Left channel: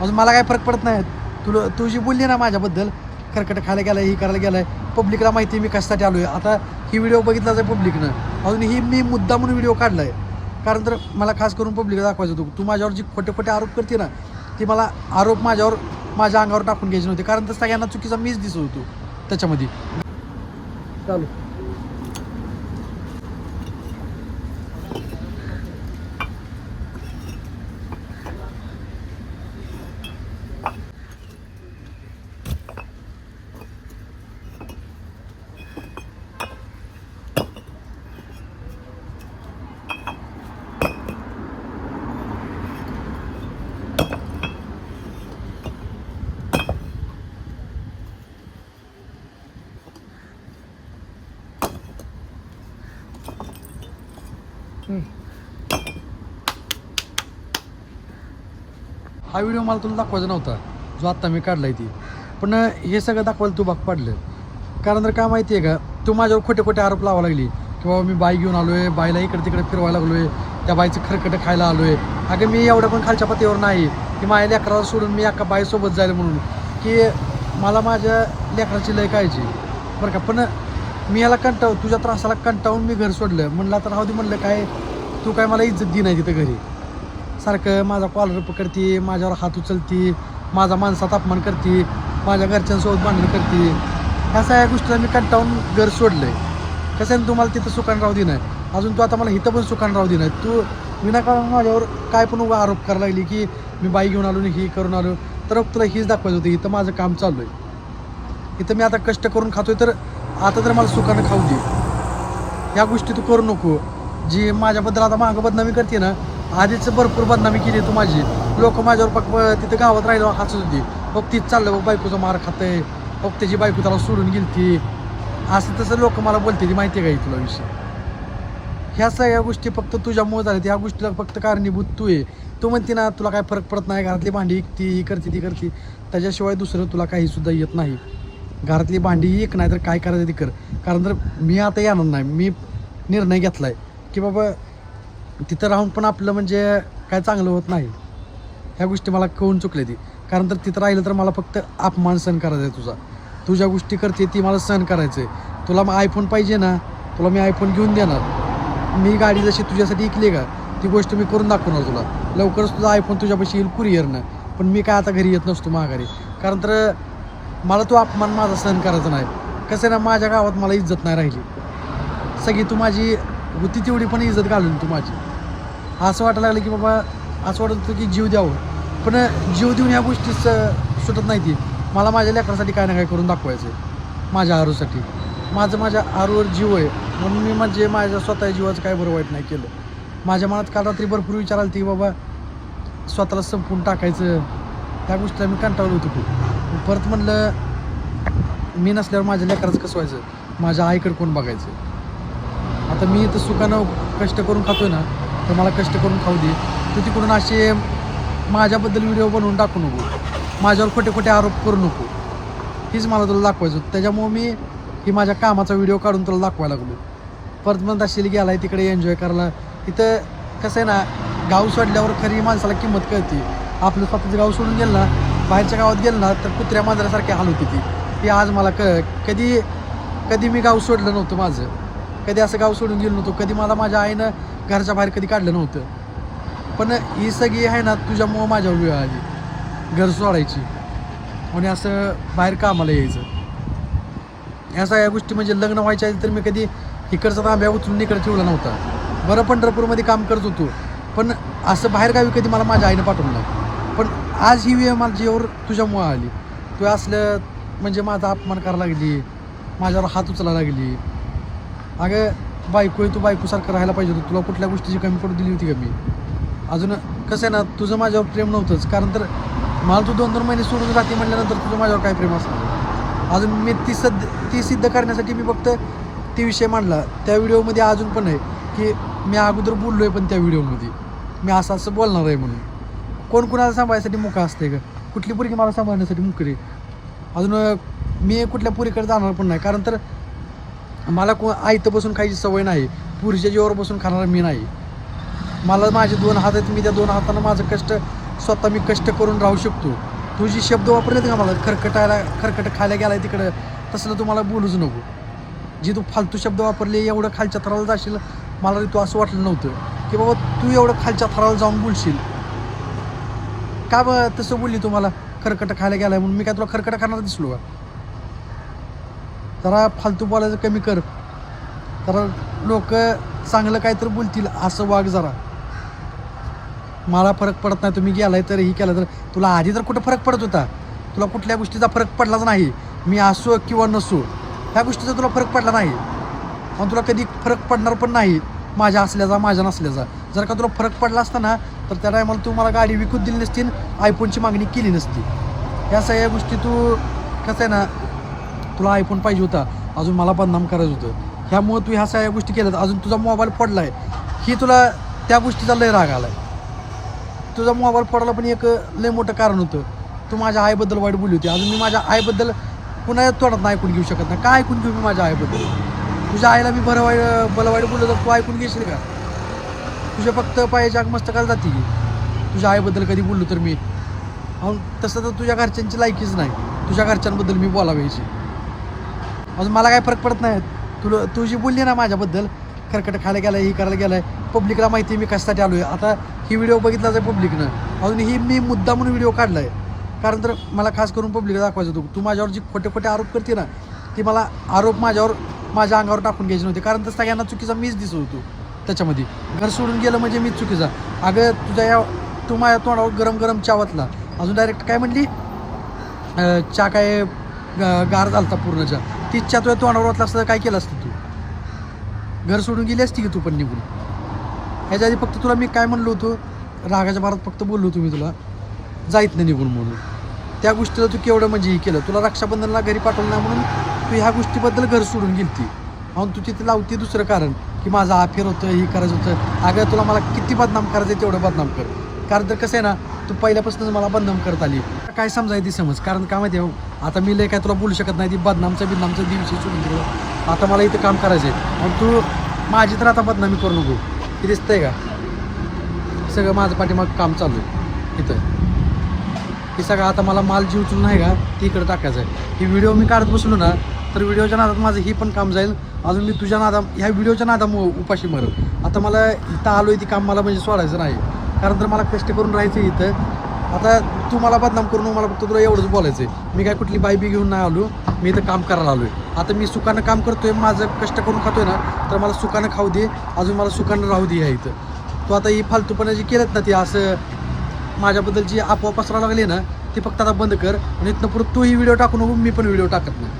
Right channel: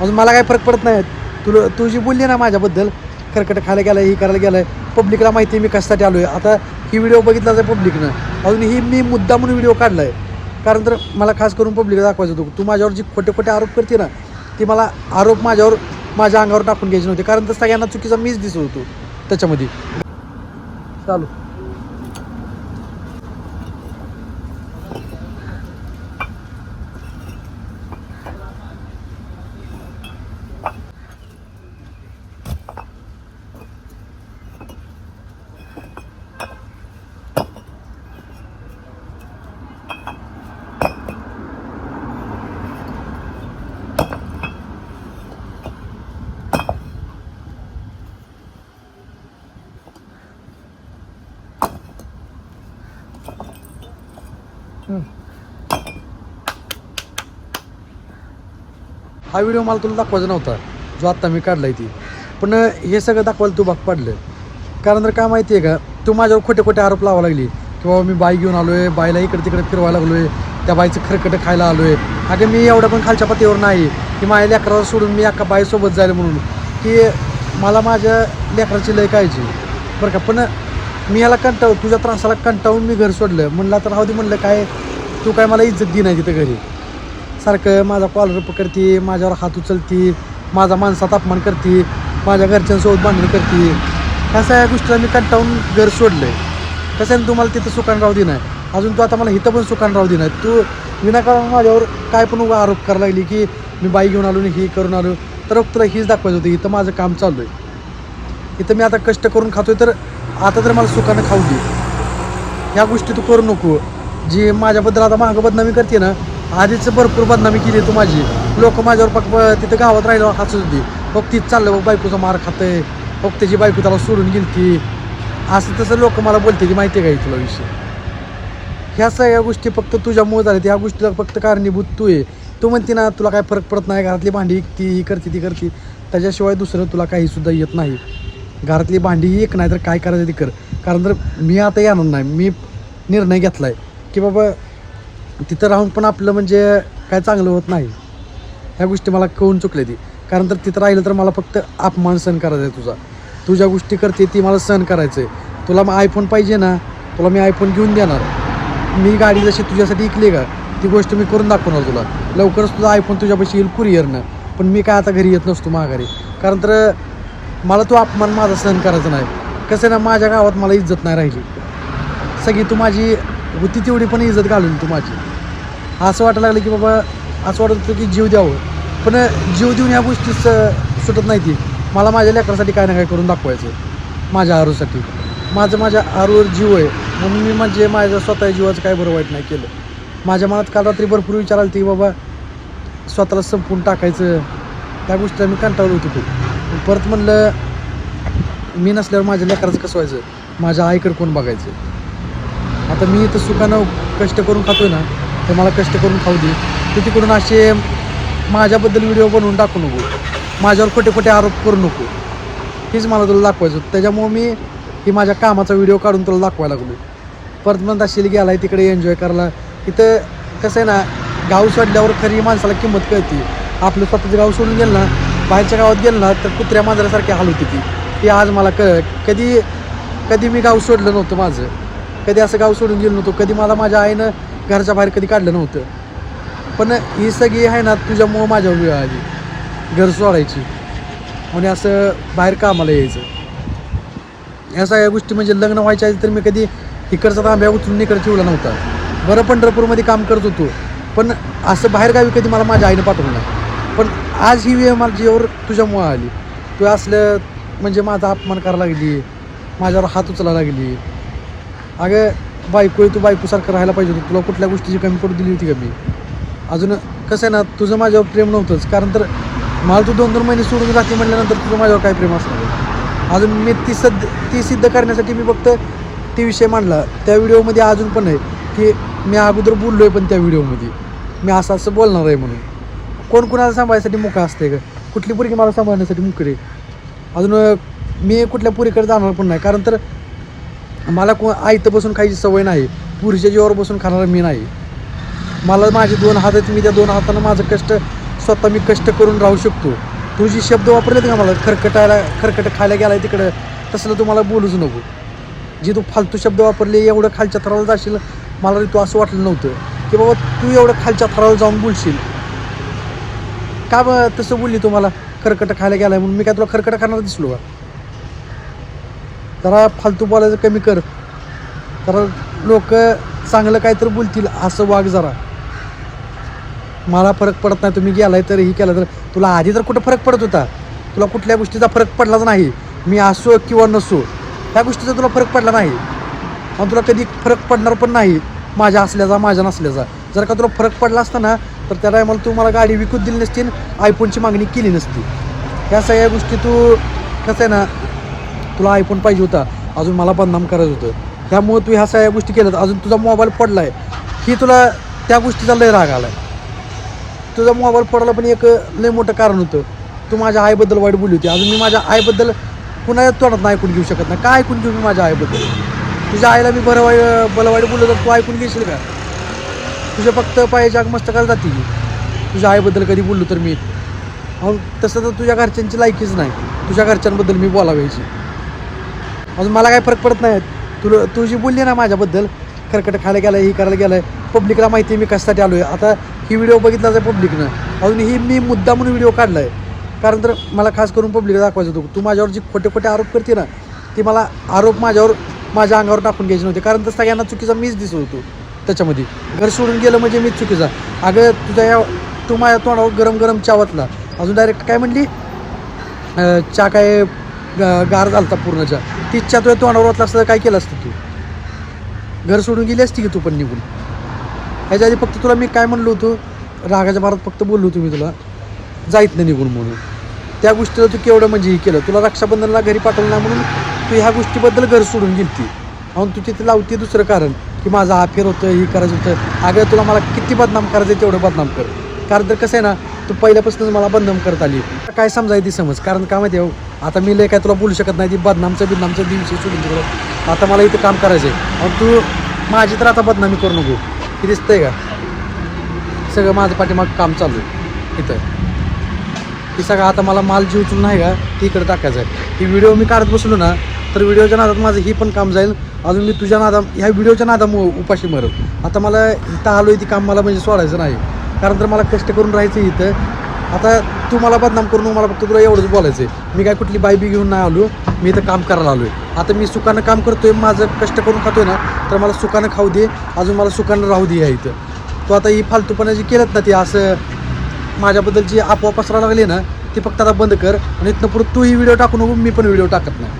अजून मला काय फरक पडत नाही. तुला तू जी बोलली ना माझ्याबद्दल खरकट खायला गेलं ही करायला गेलं पब्लिकला माहिती आहे मी कशासाठी आलो आहे आता ही व्हिडिओ बघितलाच आहे पब्लिकनं अजून ही मी मुद्दा म्हणून व्हिडिओ काढला आहे कारण तर मला खास करून पब्लिकला दाखवायचं होतं. तू माझ्यावर जी खोटे खोटे आरोप करते ना ती मला आरोप माझ्यावर माझ्या अंगावर टाकून घ्यायचे नव्हते. कारण तर सगळ्यांना चुकीचा मीच दिसत होतो त्याच्यामध्ये. चालू. हा व्हिडिओ मला तुला दाखवायचा नव्हता. जो आत्ता मी काढलाय ती. पण हे सगळं दाखवायला तू भाग पाडलं. कारण तर काय माहिती आहे का तू माझ्यावर खोटे खोटे आरोप लावा लागली. की बाबा मी बाई घेऊन आलो आहे बाईला इकडे तिकडे फिरवायला लागलो आहे त्या बाईचं खरकटं खायला आलो आहे अगं मी एवढं पण खालच्या पातळीवर नाही. की माझ्या लेकराला सोडून मी एका बाईसोबत जायला म्हणून. की मला माझ्या लेकराची लय काळजी. बरं का पण मी याला कंटाळू तुझ्या त्रासाला कंटाळून मी घर सोडलं. म्हणलं तर राहू दे म्हणलं काय तू काय मला इज्जत दे नाही तिथं घरी. सारखं माझा कॉलर पकडते माझ्यावर हात उचलती माझा माणसात अपमान करते माझ्या घरच्यांसोबत बांधणी करते. ह्या सगळ्या गोष्टीला मी कंटाळून घर सोडलंय. कसं आहे ना, तू मला तिथं सुखान राहू दे नाही अजून तू आता मला इथं पण सुखान राहू दे नाही तू विनाकारण माझ्यावर काय पण आरोप करायला लागली की मी बाई घेऊन आलो आणि ही करून आलो. तर तुला हीच दाखवायचं होतं इथं माझं काम चालू आहे. इथं मी आता कष्ट करून खातोय तर आता तर मला सुखानं खाऊ दे. ह्या गोष्टी तू करू नको. जी माझ्याबद्दल आता मागं बदनामी करते ना आधीच भरपूर बदनामी केली तू माझी. लोक माझ्यावर पक तिथं गावात राहिलं हसत होती. बघ तीच चाललं बघ बायकोचा मार खातंय. बघ त्याची बायको त्याला सोडून गेलती असं तसं लोक मला बोलते ती माहिती आहे का तुला विषय? ह्या सगळ्या गोष्टी फक्त तुझ्यामुळे झाल्या. ह्या गोष्टीला फक्त कारणीभूत तू आहे. तू म्हणते ना तुला काय फरक पडत नाही घरातली भांडी विकती ही करते ती करते. त्याच्याशिवाय दुसरं तुला काही सुद्धा येत नाही. घरातली भांडी एक नाही तर काय करायचं ते कर. कारण तर मी आता येणार नाही. मी निर्णय घेतला आहे की बाबा तिथं राहून पण आपलं म्हणजे काय चांगलं होत नाही. ह्या गोष्टी मला कळून चुकले ती. कारण तर तिथं राहिलं तर मला फक्त अपमान सहन करायचा आहे तुझा. तू ज्या गोष्टी करते ती मला सहन करायचं आहे तुला मग आयफोन पाहिजे ना तुला मी आयफोन घेऊन देणार. मी गाडी जशी तुझ्यासाठी ऐकली का ती गोष्ट मी करून दाखवणार तुला. लवकरच तुझा आयफोन तुझ्यापाशी येईल कुरिअरनं पण मी काय आता घरी येत नसतो माघारी. कारण तर मला तो अपमान माझा सहन करायचा नाही. कसं आहे ना माझ्या गावात मला इज्जत नाही राहिली. सगळी तू माझी होती तेवढी पण इज्जत घालून तू माझी. असं वाटायला लागलं की बाबा असं वाटत होतं की जीव द्यावं. पण जीव देऊन या गोष्टी स- सुटत नाही ती मला माझ्या लेकरासाठी काय ना काय करून दाखवायचं आहे माझ्या आरूसाठी. माझं माझ्या आरूवर जीव आहे. म्हणून मी म्हणजे माझ्या स्वतः जीवाचं काय बरं वाईट नाही केलं. माझ्या मनात काल रात्री भरपूर विचार आला ती बाबा स्वतःला संपून टाकायचं. त्या गोष्टीला मी कंटाळलो होती खूप. परत म्हणलं मी नसल्यावर माझ्या लेकराचं कसं व्हायचं? माझ्या आईकडे कोण बघायचं? आता मी इथं सुखानं कष्ट करून खातोय ना तर मला कष्ट करून खाऊ दे. तर तिकडून असे माझ्याबद्दल व्हिडिओ बनवून टाकू नको. माझ्यावर खोटे खोटे आरोप करू नको. हेच मला तुला दाखवायचं. होतं त्याच्यामुळं मी ही माझ्या कामाचा व्हिडिओ काढून तुला दाखवायला लागलो परत म्हणत असेल गेला आहे तिकडे एन्जॉय करायला. इथं कसं आहे ना गाव सोडल्यावर खरी माणसाला किंमत कळते. आपलं स्वतःचं गाव सोडून गेलं ना बाहेरच्या गावात गेलं ना तर कुत्र्या मांजरासारखी हाल होती ती. ती आज मला क कधी कधी मी गाव सोडलं नव्हतं माझं. कधी असं गाव सोडून गेलो नव्हतो. कधी मला माझ्या आईनं घरच्या बाहेर कधी काढलं नव्हतं. पण ही सगळी आहे ना तुझ्यामुळं माझ्यावर वेळ आली. घर सोडायची. म्हणजे असं बाहेर कामाला यायचं. या सगळ्या गोष्टी म्हणजे लग्न व्हायच्या आधी तर मी कधी इकडचा तांब्या उचलून इकडे ठेवला नव्हता. बरं पंढरपूरमध्ये काम करत होतो. पण असं बाहेरगावी कधी मला माझ्या आईनं पाठवलं नाही. पण आज ही वेळ मला तुझ्यामुळं आली. तू असलं म्हणजे माझा अपमान करायला लागली. माझ्यावर हात उचलायला लागली. अगं बायको आहे तू बायकोसारखं राहायला पाहिजे होतं. तुला कुठल्या गोष्टीची कमी पडू दिली होती का मी? अजून कसं आहे ना तुझं माझ्यावर प्रेम नव्हतंच. कारण तर मला तू दोन दोन महिने सोडून राहते म्हटल्यानंतर तुझं माझ्यावर काय प्रेम असणार? अजून मी ती सद ती सिद्ध करण्यासाठी मी फक्त ती विषय मांडला. त्या व्हिडिओमध्ये अजून पण आहे की मी अगोदर बोललो आहे पण त्या व्हिडिओमध्ये. मी असं असं बोलणार आहे म्हणून. कोण कोणाला सांभाळण्यासाठी मुका असते का कुठली पोरगी मला सांभाळण्यासाठी मुकडी अजून मी कुठल्या पुरीकडे जाणार पण नाही. कारण तर मला को आयतं बसून खायची सवय नाही. पुरीच्या जीवावर बसून खाणार मी नाही. मला माझे दोन हात आहेत मी त्या दोन हातानं माझं कष्ट स्वतः मी कष्ट करून राहू शकतो. तू शब्द वापरलेत का मला खरकटायला खरकट खायला गेलाय तिकडं तसलं तुम्हाला बोलूच नको. जे तू फालतू शब्द वापरले एवढं खालच्या थराला जाशील मला तू असं वाटलं नव्हतं. की बाबा तू एवढं खालच्या थराला जाऊन बोलशील. का ब तसं बोलली तुम्हाला खरकट खायला गेलाय म्हणून? मी काय तुला खरकट खाणार दिसलो का? जरा फालतू बोलायचं कमी कर. जरा लोक चांगलं काहीतरी बोलतील असं वाघ जरा. मला फरक पडत नाही तुम्ही गेलाय तर ही केलं तर. तुला आधी तर कुठं फरक पडत होता? तुला कुठल्या गोष्टीचा फरक पडलाच नाही. मी असो किंवा नसो ह्या गोष्टीचा तुला फरक पडला नाही. आणि तुला कधी फरक पडणार पण नाही माझ्या असल्याचा माझ्या नसल्याचा. जर का तुला फरक पडला असता ना तर त्या टायमाला तू मला गाडी विकून दिली नसती आणि आयफोनची मागणी केली नसती. ह्या सगळ्या गोष्टी तू कसं आहे ना तुला आयफोन पाहिजे होता. अजून मला बदनाम करायचं होतं. त्यामुळं तू ह्या सगळ्या गोष्टी केल्यात. अजून तुझा मोबाईल पडला आहे ही तुला त्या गोष्टीचा लय राग आला आहे तुझा मोबाईल पडायला पण एक लय मोठं कारण होतं. तू माझ्या आईबद्दल वाईट बोलली होती. अजून मी माझ्या आईबद्दल कुणाच्या तोंडात नाही ऐकून घेऊ शकत. नाही काय ऐकून घेऊ मी माझ्या आईबद्दल? तुझ्या आईला मी बरं वाईट बरं वाईट बोललो तर तू ऐकून घेशील का? तुझ्या फक्त पायाच्या मस्तकाला जाते. तुझ्या आईबद्दल कधी बोललो तर मी. अहो तसं तर तुझ्या घरच्यांची लायकीच नाही. तुझ्या घरच्यांबद्दल मी बोलावायची. अजून मला काय फरक पडत नाही. तुला तू जी बोलली ना माझ्याबद्दल खरकट खायला गेलं ही करायला गेलाय पब्लिकला माहिती आहे मी कशासाठी आलो आहे आता ही व्हिडिओ बघितला जाय पब्लिकनं अजून ही मी मुद्दा म्हणून व्हिडिओ काढला आहे कारण तर मला खास करून पब्लिकला दाखवायचं होतं. तू माझ्यावर जी खोटे खोटे आरोप करते ना ती मला आरोप माझ्यावर माझ्या अंगावर टाकून घ्यायचे नव्हते. कारण तर सगळ्यांना चुकीचा मीच दिसत होतो त्याच्यामध्ये. घर सोडून गेलं म्हणजे मीच चुकीचा. अगं तुझ्या या तू माझ्या तोंडावर गरम गरम चावतला अजून डायरेक्ट काय म्हणली? चा काय ग- गार झालता पूर्ण चा ती तुला तुझ्या तोंडावर वाटला असतं तर काय केलं असतं तू? घर सोडून गेली असती की तू पण निघून? ह्याच्या आधी फक्त तुला मी काय म्हणलो होतो? रागाच्या भारत फक्त बोललो होतो मी तुला. जायत नाही निघून म्हणून. त्या गोष्टीला तू केवढं म्हणजे हे केलं? तुला रक्षाबंधनला घरी पाठवलं नाही म्हणून तू ह्या गोष्टीबद्दल घर सोडून गेलती. म्हणून तू तिथे लावते दुसरं कारण की माझं अफेअर होतं हे करायचं होतं. अगं तुला मला किती बदनाम करायचं तेवढं बदनाम कर. कारण तर कसं आहे ना तू पहिल्यापासूनच मला बदनाम करत आली. काय समजाय ती समज. कारण काय माहिती आहे हो, आता मी लय काय तुला बोलू शकत नाही ती बदनामचं बिदनामचं दिवशी सोडून तिकडं आता मला इथं काम करायचं आहे मग तू माझी तर आता बदनामी करू नको. हे दिसतंय का? सगळं माझं पाठीमाग काम चालू आहे इथं. की सगळं आता मला माल जी उचलून नाही का? ती इकडे टाकायचं आहे ही व्हिडिओ मी काढत बसलो ना तर व्हिडिओच्या नादात माझं ही पण काम जाईल. अजून मी तुझ्या नादा ह्या व्हिडिओच्या नादामुळं उपाशी मरत आता मला इथं आलो ती काम मला म्हणजे सोडायचं नाही. कारण तर मला कष्ट करून राहायचं इथं. आता तू मला बदनाम करून मला फक्त तुला एवढंच बोलायचं आहे मी काय कुठली बाई बी घेऊन नाही आलो मी इथं काम करायला आलो आहे आता मी सुखानं काम करतोय माझं कष्ट करून खातोय ना तर मला सुखानं खाऊ दे अजून मला सुखानं राहू दे या इथं. तू आता ही फालतूपणा जी केलं ना ती असं माझ्याबद्दल जी आपोआप पसरायला लागली ना ती फक्त आता बंद कर. आणि इथनं पुढे तू ही व्हिडिओ टाकू नको मी पण व्हिडिओ टाकत नाही.